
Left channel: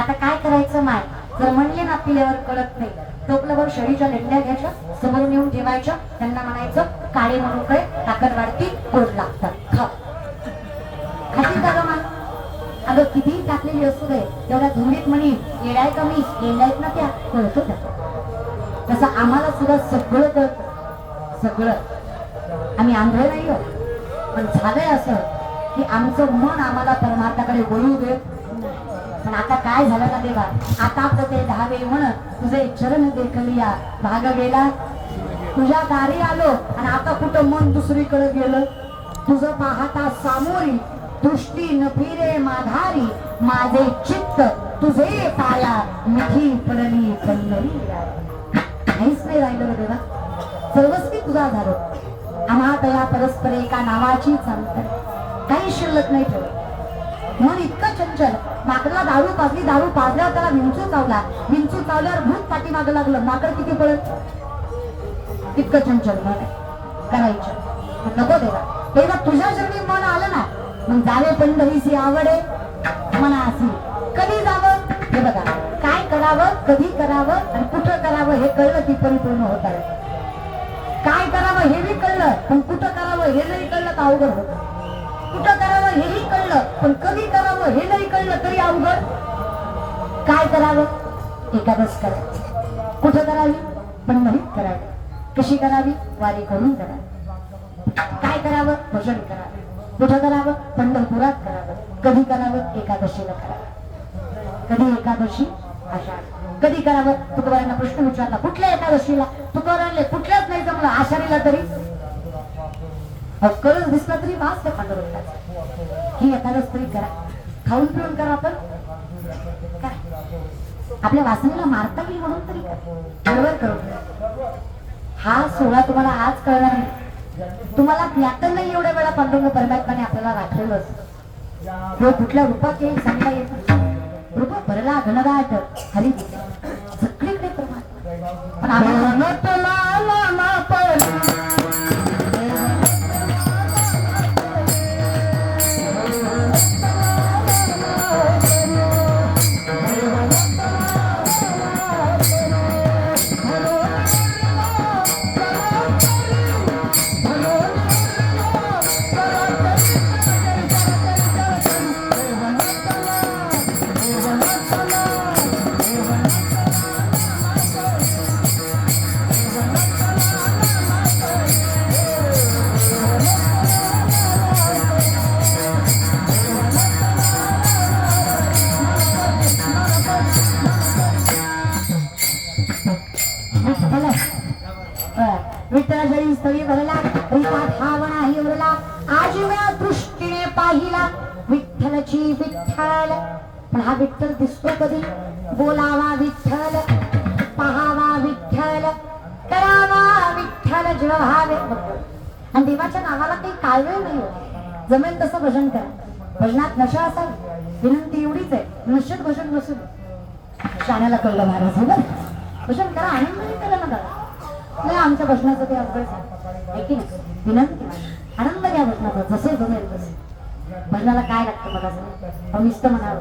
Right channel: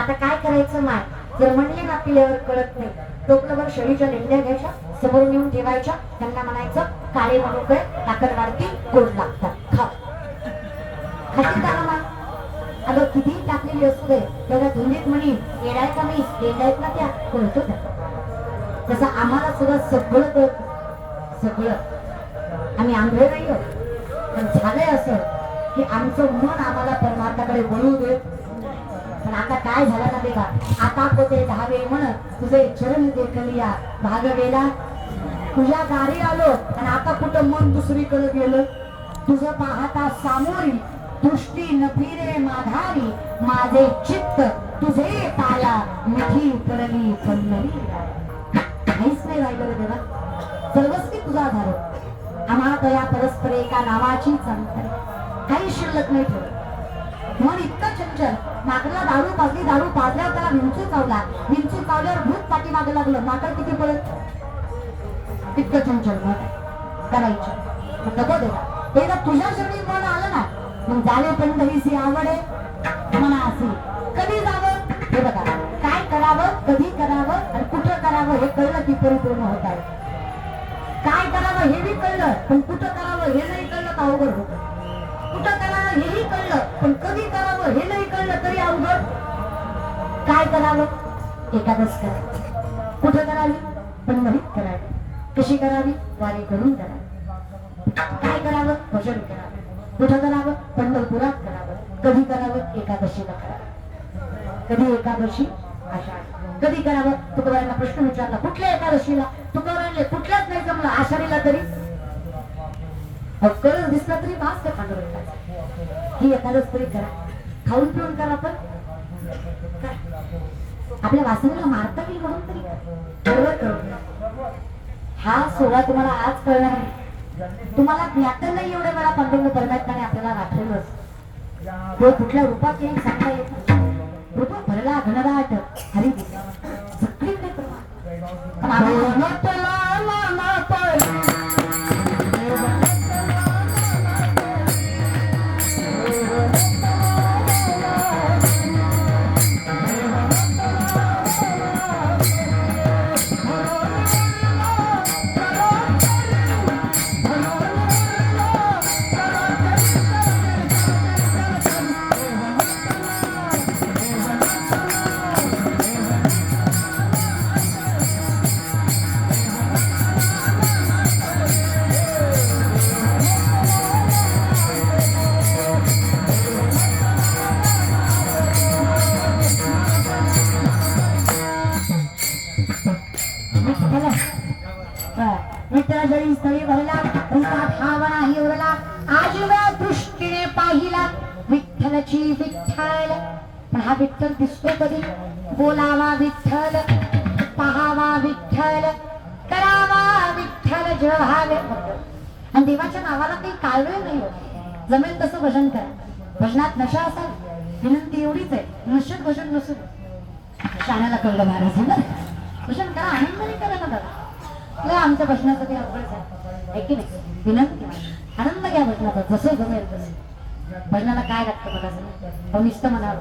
आता काय करायचं माय? जर म्हणले ना पिल्यावर कळत नाही, टोपलभर शरीच्या लेंड्या घ्यायच्या, समोर नेऊन ठेवायच्या, त्यांना म्हणायचं काळे मनुके ताकद वाढती, गोड लागतात, खाऊ. खाती का मा? अगं किती टाकलेली असू दे, एवढ्या धुंदीत म्हणी येडाय कमी लेंडायत ना त्या कळतो त्या. तसं आम्हाला सुद्धा सगळं कळत. सगळं आम्ही आंधळे नाही, पण झालंय असं की आमचं मन आम्हाला परमार्थाकडे वळू देत. पण आता काय झालं ना देवा, आता पोते धावे म्हण तुझे चरण देखलिया भाग गेला. तुझ्या दारी आलो आणि आता कुठं मन दुसरीकडे गेलं. तुझं पाहता सामोरी दृष्टी न फिरे माधारी, माझे चित्त तुझे पाया मिठी पडली पल्लवी. काहीच नाही राहिलं देवा, सर्वस्वी तुझा झालो. आम्हा तया परस्पर एका नावाची चालत काही शिल्लक नाही ठेवत. मन इतकं चंचल. माकडला दारू पाजली, दारू पाजल्यावर त्याला विंचू चावला, विंचू चावल्यावर भूत पाठीमागं लागलं. माकड किती पडत? इतकं चंचल मन करायचं नको देवा. तेव्हा तुझ्या शरीर मन आलं ना, मग झाले पंढरीची आवडे मना असे. कधी जावं हे बघा, काय करावं, कधी करावं आणि कुठं करावं हे कळलं की परिपूर्ण होत आहे. काय करावं हे बी कळलं, पण कुठं करावं हे नाही कळलं तर अवघड होत. कुठं करावं हेही कळलं, पण कधी करावं हे नाही कळलं तरी अवघड. काय करावं? एकादश करावी. कुठं करावी? पंढरीत करावी. कशी करावी? वारी करून करावी. काय करावं? भजन करावं. कुठं करावं? पंढरपुरात करावं. कधी करावं? एकादशीला करावं. कधी एकादशी? आषाढ. कधी करावं? तुकोबारांना प्रश्न विचारला, कुठल्या एकादशीला? तुकोबारांना कुठल्याच नाही जमलं, आषाढीला तरी करून दिसलं तरी वास त्या पांडुरंगाचा ही एखादं तरी करा खाऊन पिऊन करा पण काय आपल्या वासनेला मारता येईल म्हणून तरी बरोबर करू हा सोहळा तुम्हाला आज कळणार नाही तुम्हाला ज्ञात नाही एवढ्या वेळा पांडुरंग परमात्म्याने आपल्याला राखलेलं तो कुठल्या रूपात येईल सांगता येत रूप भरला घनराट हरी सगळीकडे परमात्मा पण विठ्ठलची विठ्ठल पण हा विठ्ठल दिसतो कधी बोलावा विठ्ठल पहावा विठ्ठल करावा विठ्ठल जेव्हावे आणि देवाच्या नावाला काही काळवेळ नाही होत जमेल तसं भजन करा भजनात नशा असेल विनंती एवढीच आहे नशेत भजन नसू शाण्याला कळलं महाराज भजन करा आनंदाने करा ना दादा आमच्या भजनाचं ते अभ्यास आहे की नाही विनंती आनंद घ्या भजनात जसे जमेल तसे भजनाला काय लागतं बघा नुसतं म्हणावं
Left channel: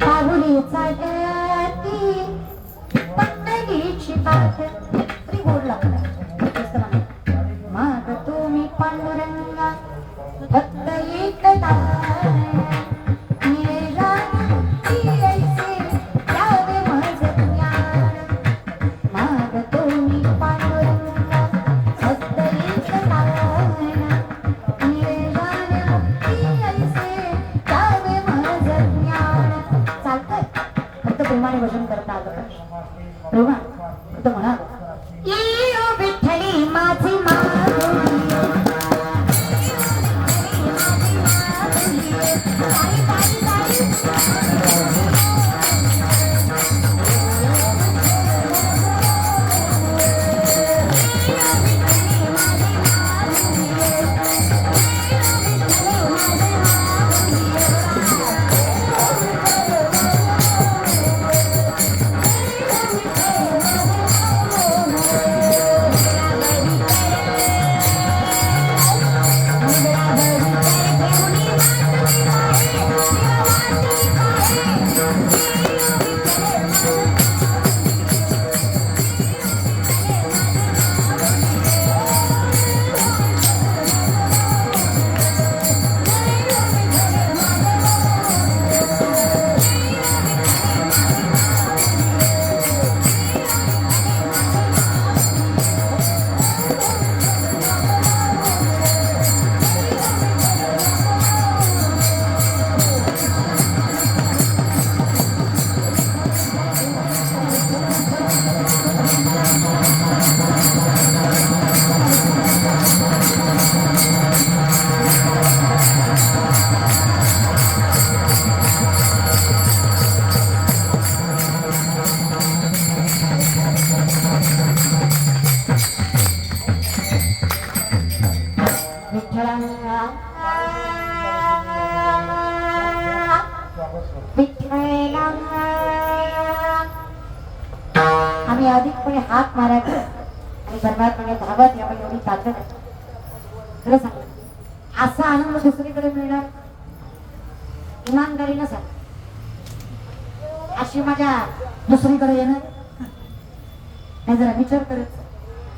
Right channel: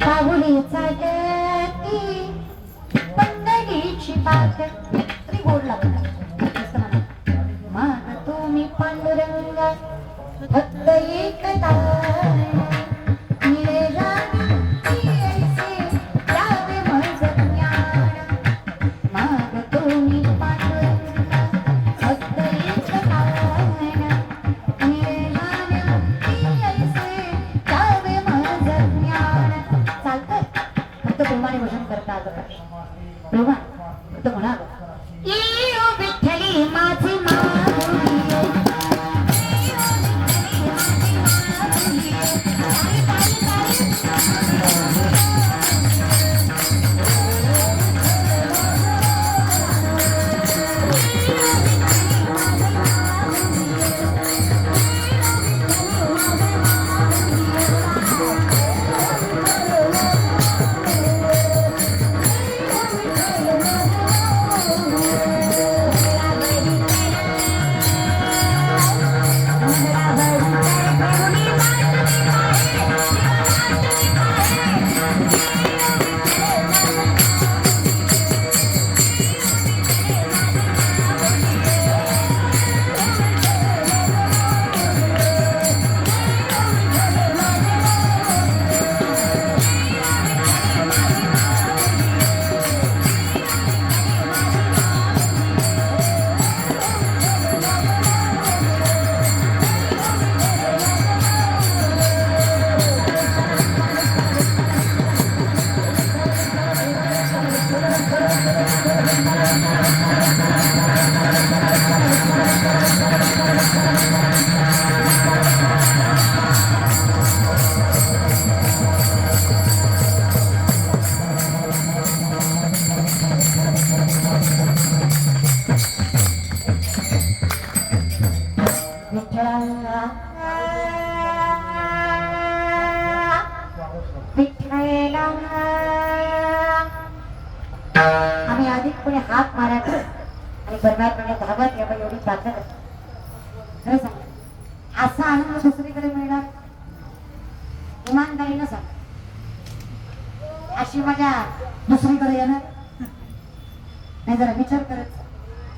पाहुली चालती पंढरीची पाठ तरी गोड लागतं मग तुम्ही पांडुरंगा फक्त एकदा भजन करता तेव्हा तो म्हणाल विठ्ठली माझी आम्ही अधिकपणे हात मारायचा आणि परमात्म्याने भागत या एवढी ताकद आहे खरं सांग असा आनंद दुसरीकडे मिळणार इमानदारीनं सांग अशी माझ्या दुसरीकडे येणार नाही जरा विचार करायचा